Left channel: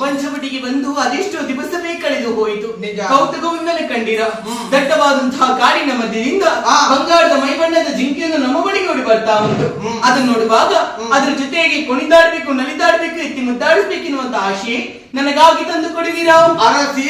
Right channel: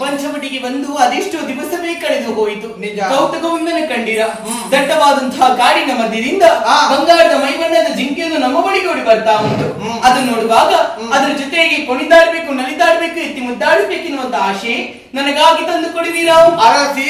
ಪಂಚವಟಿಗೆ ಬಂದು ಅದೆಷ್ಟೋ ದಿವಸವೇ ಕಳೆದು ಹೋಯಿತು. ಕೌತುಕವೊಂದನ್ನು ಕಂಡಿರ. ದಟ್ಟವಾದಂತಹ ಕಾಡಿನ ಮಧ್ಯದಿಂದ ಬಂಗಾರದ ಮೈಬಣ್ಣದ ಜಿಂಕೆಯನ್ನು ನಮ್ಮ ಬಳಿಗೆ ಓಡಿ ಬರ್ತಾ ಉಂಟು. ಅದನ್ನು ನೋಡುವಾಗ ಅದರ ಜೊತೆಗೆ ಕುಣಿದಾಡ್ಬೇಕು, ನಲಿದಾಡ್ಬೇಕು, ಎತ್ತಿ ಮುದ್ದಾಡಿಸ್ಬೇಕೆನ್ನುವಂತ ಆಶೆ ನನಗಾಗಿ ತಂದು ಕೊಡಿದೀರಾ? ಅರಸಿ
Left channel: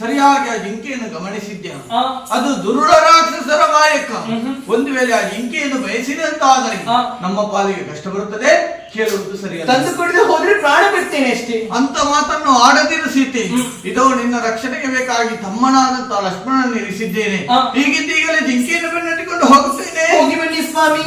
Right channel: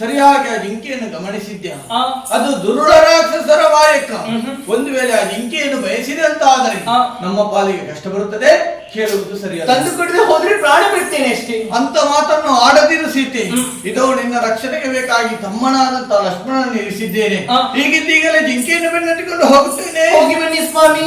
ಸರಿಯಾಗಿ ಆ ಜಿಂಕೆಯನ್ನು ಗಮನಿಸಿದ್ದೆ. ಅದು ದುರುಳ ರಾಕ್ಷಸರ ಮಾಯಕ. ಒಂದು ವೇಳೆ ಆ ಜಿಂಕೆಯನ್ನು ಬಯಸಿದೆ ಅಂತ ಆದರೆ ನಮ್ಮ ಪಾಲಿಗೆ ಕಷ್ಟ ಬರುತ್ತದೆ. ಕೇಳುವುದು ಸರಿಯಲ್ಲ. ತಂದು ಕುಡಿದು ಹೋದ್ರೆ ಪ್ರಾಣ ಬಿಡ್ತೇನೆ ಅಷ್ಟೇ ಅಂತ ಮಾತನ್ನು ಆಡದಿರು ಸೀತೆ. ಇದೋ ನಿನ್ನ ರಕ್ಷಣೆಗೆ ಬೇಕಾಗಿ ತಮ್ಮನಾದಂತ ಲಕ್ಷ್ಮಣನ ಇರಿಸಿದ್ದೇನೆ. ಹೀಗಿದ್ದೀಗಲೇ ಜಿಂಕೆಯನ್ನು ಬೆನ್ನಟ್ಟಿಕೊಂಡು ಹೋಗುತ್ತೇನೆ. ಹೋಗಿ ಬನ್ನಿ ಸ್ವಾಮಿ.